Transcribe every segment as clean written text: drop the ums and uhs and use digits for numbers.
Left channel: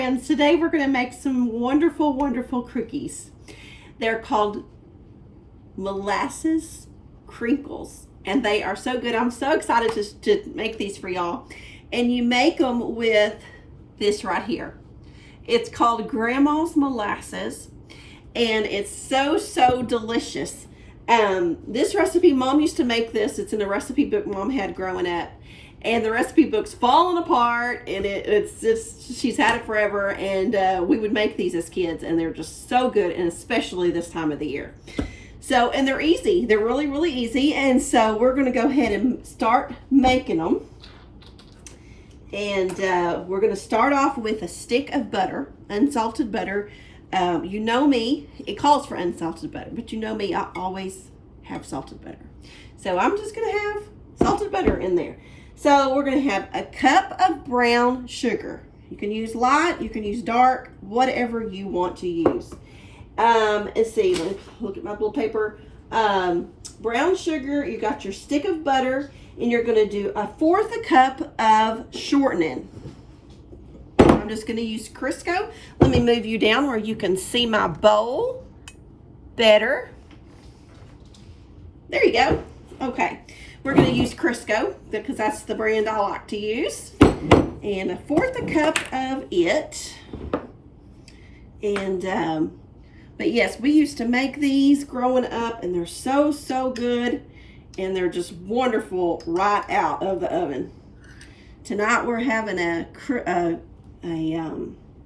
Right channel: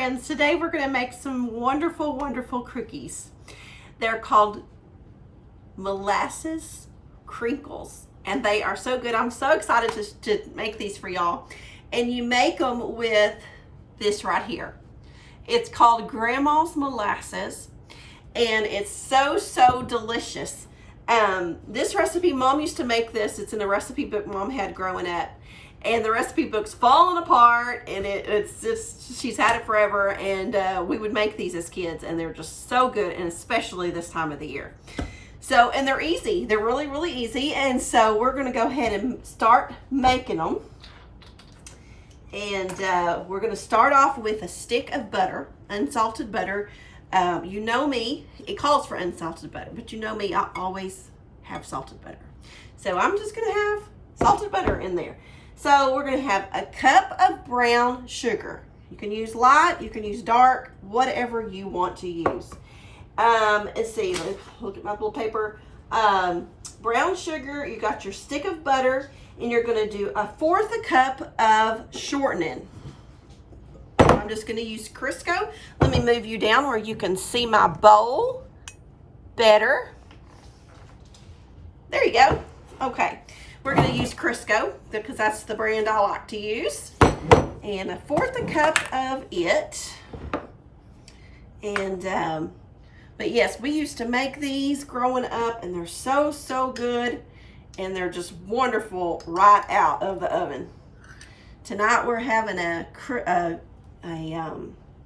friends, today we're going to make some wonderful, wonderful cookies. They're called molasses crinkles, and they are so good. I'm so excited to make these for y'all. And you make them with this right here. It's called Grandma's Molasses, and it's so delicious. This recipe, Mom used to make this. It's in a recipe book Mom had growing up. And the recipe book's falling apart, and she's had it forever, and we would make these as kids, and they're just so good, and especially this time of the year. So, and they're easy. They're really easy, and so we're going to go ahead and start making them. And we're going to start off with a stick of butter, unsalted butter. You know me, it calls for unsalted butter, but you know me, I always have salted butter. So I'm just going to have salted butter in there. So we're going to have a cup of brown sugar. You can use light, you can use dark, whatever you want to use. Let's see, look at my little paper. Brown sugar, you got your stick of butter, and you're going to do 1/4 cup of shortening. I'm just going to use Crisco. Let me move you down where you can see my bowl better. There you go. Okay. We're going to use Crisco because that's the brand I like to use. And 1/4 cup of it. And, but yes, we used to make these growing up, and they're so good. And they're just wonderful right out of the oven. Tonight we're having a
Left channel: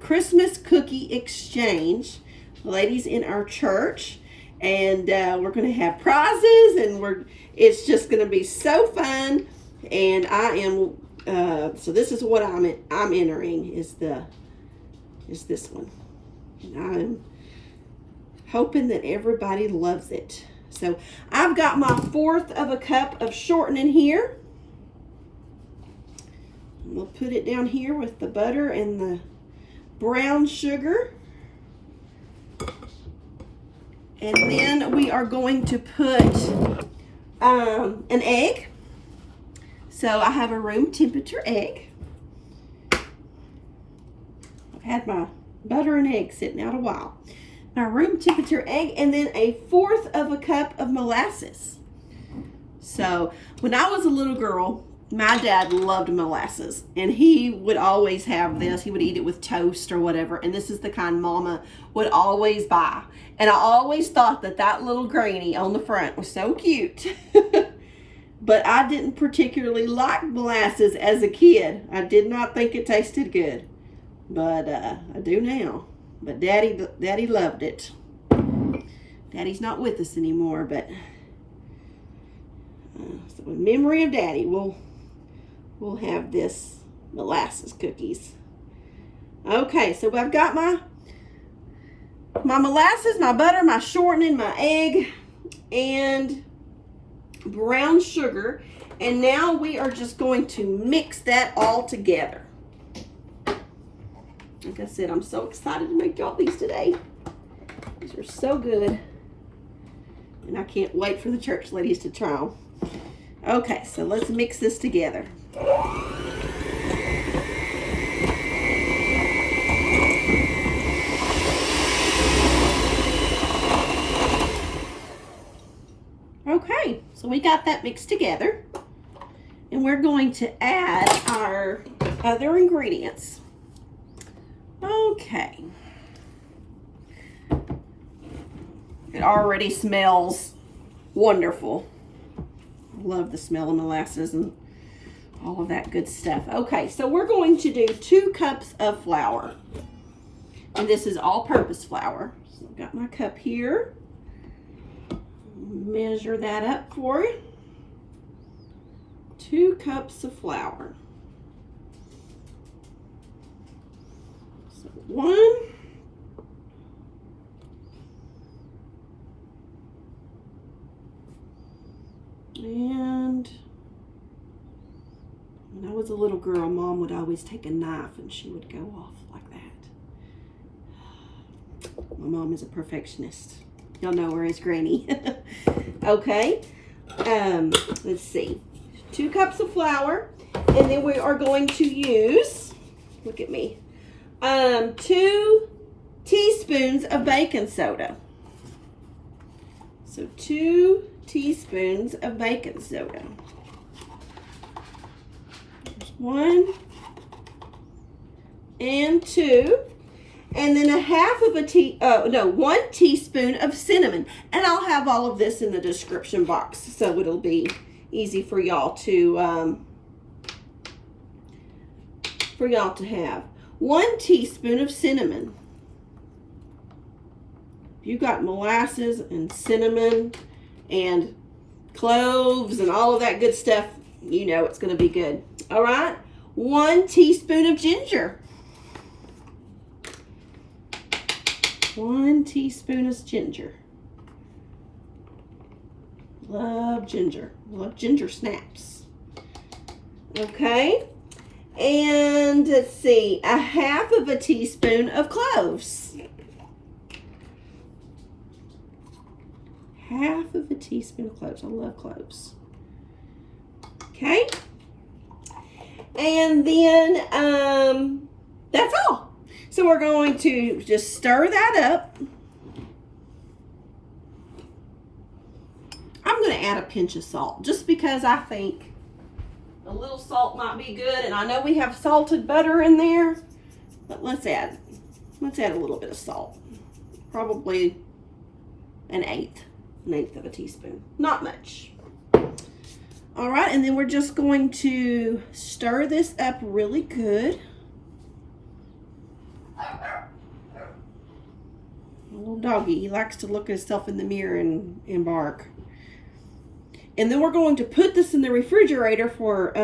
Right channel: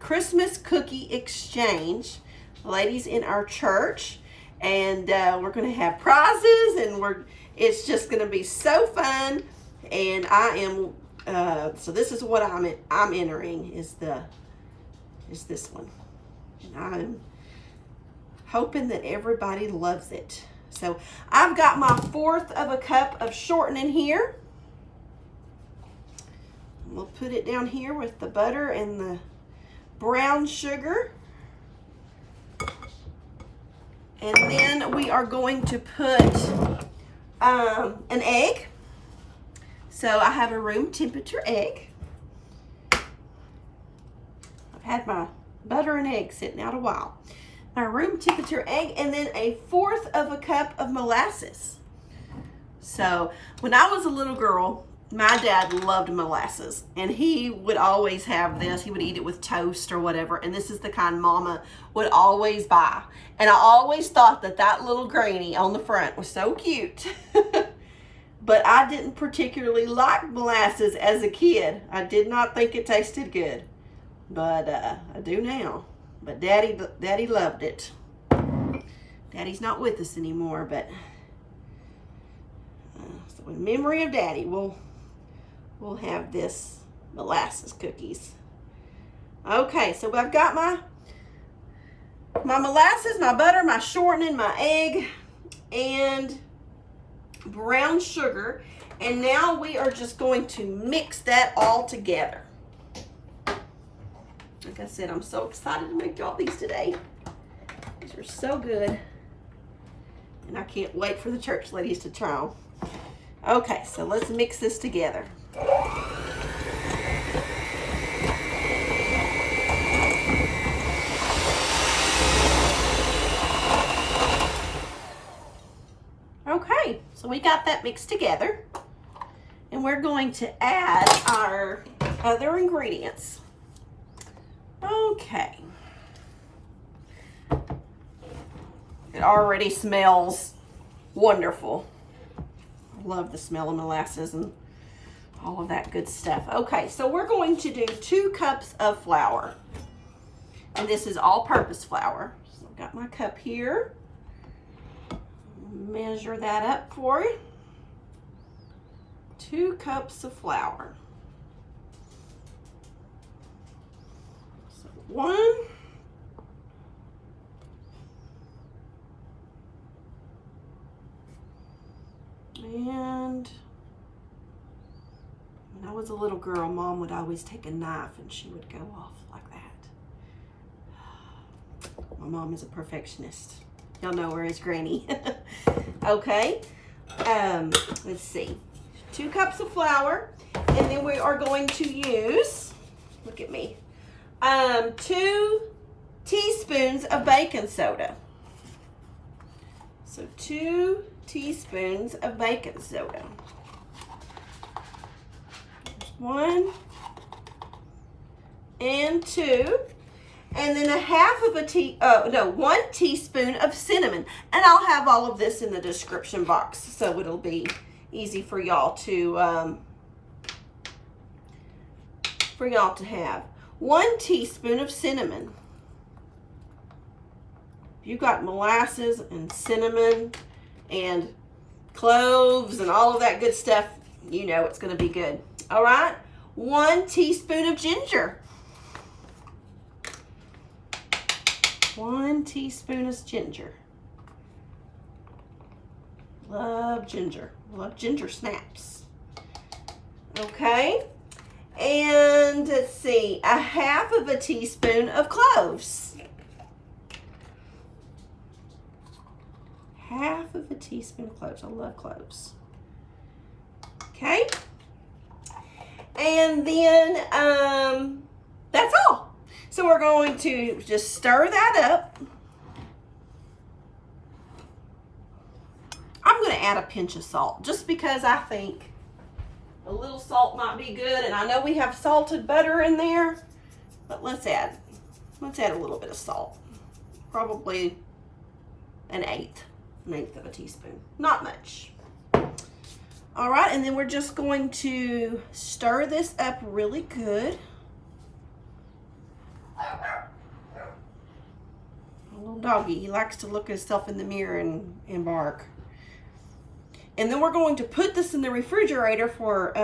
Christmas cookie exchange, ladies in our church. And we're going to have prizes, and it's just going to be so fun. And I am so this is what I'm entering is this one. And I'm hoping that everybody loves it. So I've got my 1/4 cup of shortening here. We'll put it down here with the butter and the brown sugar. And then we are going to put an egg. So I have a room temperature egg. I've had my butter and egg sitting out a while. My room temperature egg, and then 1/4 cup of molasses. So when I was a little girl, my dad loved molasses, and he would always have this. He would eat it with toast or whatever, and this is the kind Mama would always buy. And I always thought that little granny on the front was so cute. But I didn't particularly like molasses as a kid. I did not think it tasted good, but I do now. But Daddy loved it. Daddy's not with us anymore, but so in memory of Daddy, we'll have this molasses cookies. Okay, so I've got my molasses, my butter, my shortening, my egg, and brown sugar. And now we are just going to mix that all together. Like I said, I'm so excited to make y'all these today. These are so good. And I can't wait for the church ladies to try them. Okay, so let's mix this together. Okay, so we got that mixed together. And we're going to add our other ingredients. Okay. It already smells wonderful. I love the smell of molasses and all of that good stuff. Okay, so we're going to do 2 cups of flour. And this is all-purpose flour. So I've got my cup here. Measure that up for you. 2 cups of flour. So 1. And when I was a little girl, Mom would always take a knife and she would go off like that. My mom is a perfectionist. Y'all know her as Granny. Okay. Let's see. 2 cups of flour. And then we are going to use, look at me, 2 teaspoons of baking soda. So 2 teaspoons of baking soda. There's 1 and 2. And then a half of a 1 teaspoon of cinnamon. And I'll have all of this in the description box, so it'll be easy for y'all to have. 1 teaspoon of cinnamon. If you've got molasses and cinnamon and cloves and all of that good stuff, you know it's going to be good. All right. 1 teaspoon of ginger. 1 teaspoon of ginger. Love ginger. Love ginger snaps. Okay. And let's see, a half of a teaspoon of cloves. Half of a teaspoon of cloves. I love cloves. Okay. And then that's all. So we're going to just stir that up. I'm going to add a pinch of salt just because I think a little salt might be good, and I know we have salted butter in there, but let's add a little bit of salt. Probably an eighth of a teaspoon. Not much. All right, and then we're just going to stir this up really good. A little doggy, he likes to look at himself in the mirror and bark. And then we're going to put this in the refrigerator for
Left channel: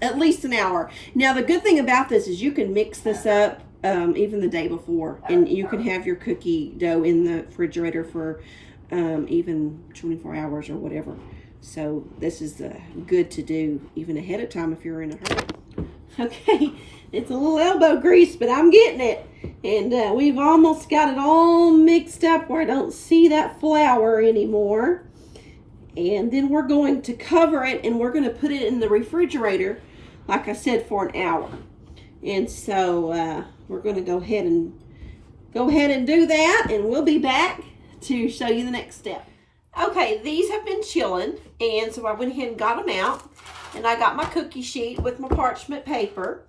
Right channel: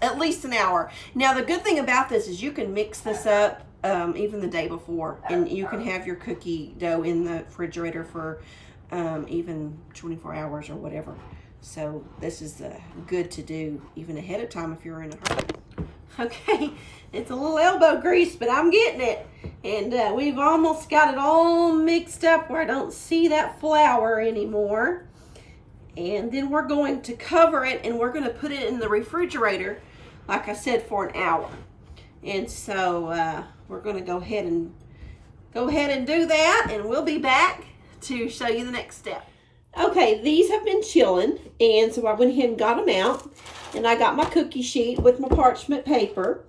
at least an hour. Now, the good thing about this is you can mix this up even the day before. And you can have your cookie dough in the refrigerator for even 24 hours or whatever. So this is good to do even ahead of time if you're in a hurry. Okay, it's a little elbow grease, but I'm getting it. And we've almost got it all mixed up where I don't see that flour anymore. And then we're going to cover it, and we're going to put it in the refrigerator, like I said, for an hour. And so we're going to go ahead and do that, and we'll be back to show you the next step. Okay, these have been chilling, and so I went ahead and got them out, and I got my cookie sheet with my parchment paper.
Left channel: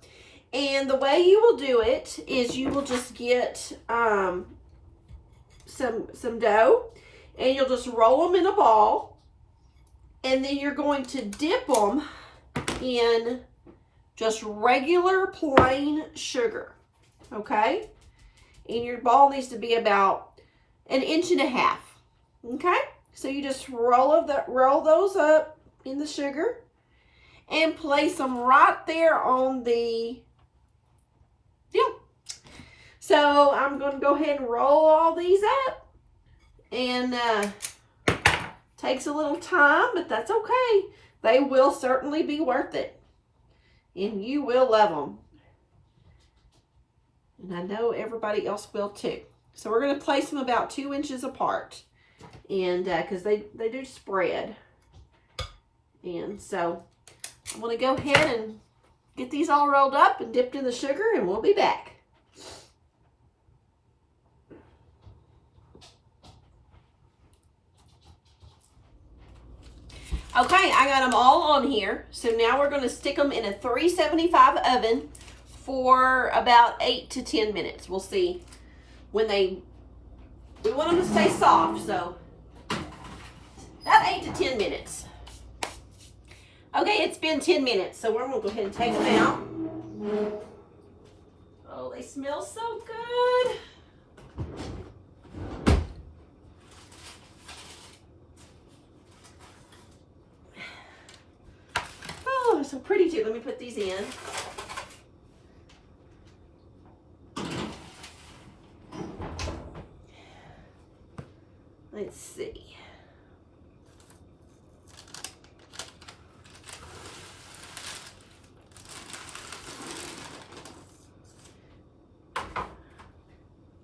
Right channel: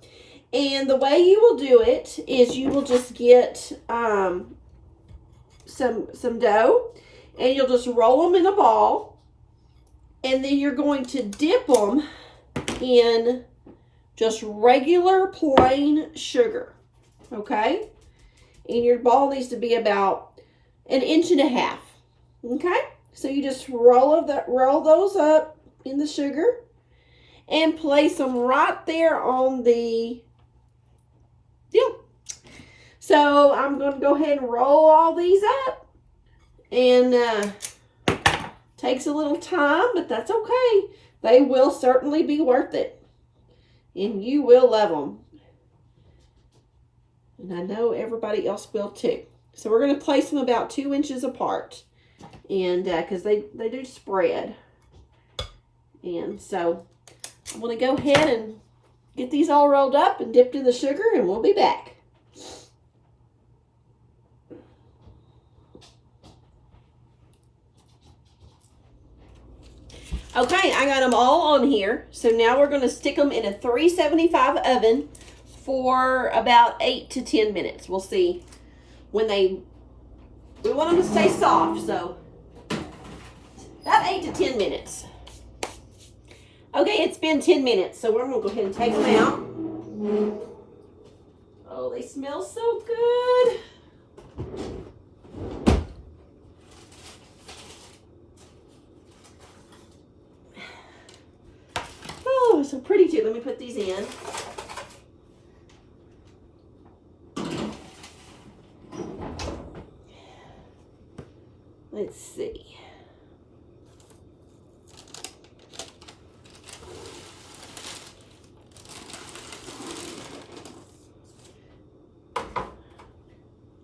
And the way you will do it is you will just get some dough, and you'll just roll them in a ball. And then you're going to dip them in just regular plain sugar, okay? And your ball needs to be about 1.5 inches, okay? So you just roll those up in the sugar and place them right there on the deal. So I'm going to go ahead and roll all these up, and takes a little time, but that's okay. They will certainly be worth it. And you will love them. And I know everybody else will too. So we're going to place them about 2 inches apart. And because they do spread. And so I'm going to go ahead and get these all rolled up and dipped in the sugar, and we'll be back. Okay, I got them all on here. So now we're going to stick them in a 375 oven for about 8 to 10 minutes. We'll see when we want them to stay soft, so about 8 to 10 minutes. Okay, it's been 10 minutes, so we're going to go ahead and take them out. Oh, they smell so good. Oh, they're so pretty too. Let me put these in. Let's see.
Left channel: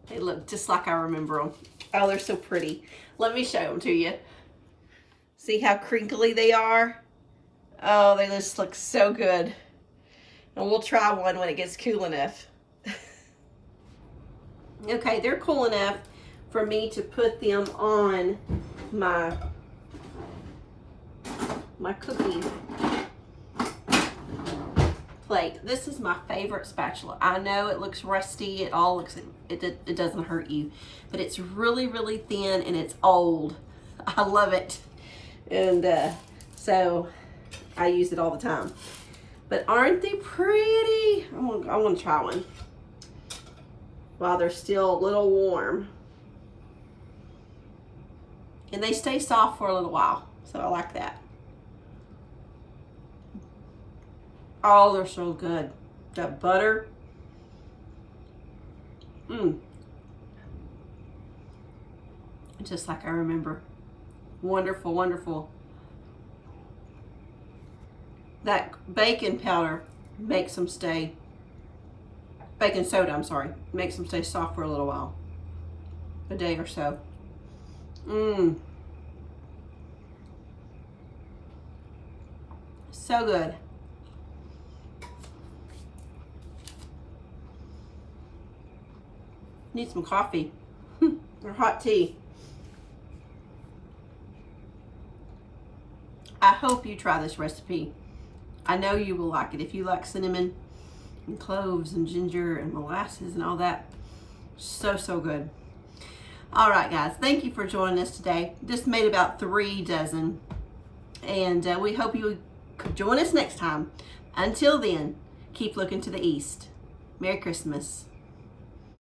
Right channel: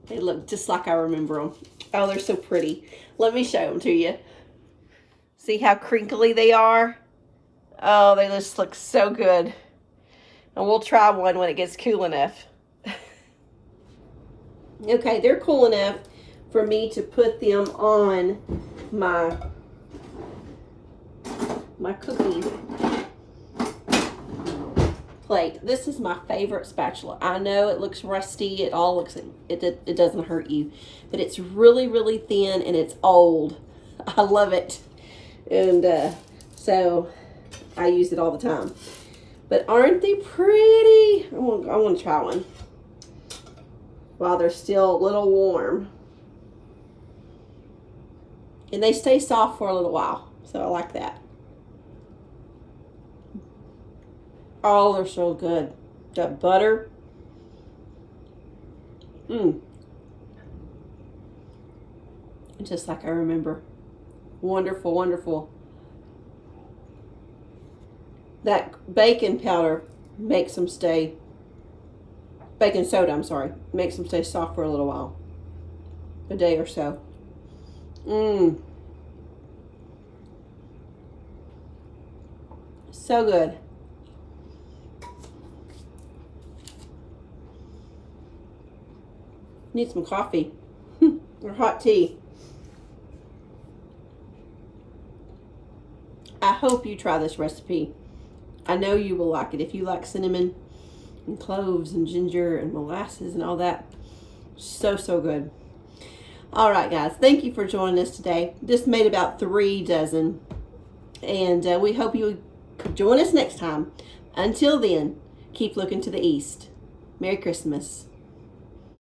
They look just like I remember them. Oh, they're so pretty. Let me show them to you. See how crinkly they are? Oh, they just look so good. And we'll try one when it gets cool enough. Okay, they're cool enough for me to put them on my cookie plate. This is my favorite spatula. I know it looks rusty. It all looks, it doesn't hurt you, but it's really, really thin and it's old. I love it. And so I use it all the time. But aren't they pretty? I want to try one while they're still a little warm. And they stay soft for a little while, so I like that. Oh, they're so good. That butter. Just like I remember. Wonderful, wonderful. That baking powder makes them stay, baking soda, I'm sorry, makes them stay soft for a little while. A day or so. So good. Need some coffee or hot tea. I hope you try this recipe. I know you will like it if you like cinnamon and cloves and ginger and molasses and all that. So, so good. All right, guys. Thank you for joining us today. Just made about 3 dozen. And we hope you could join us next time. Until then, keep looking to the east. Merry Christmas.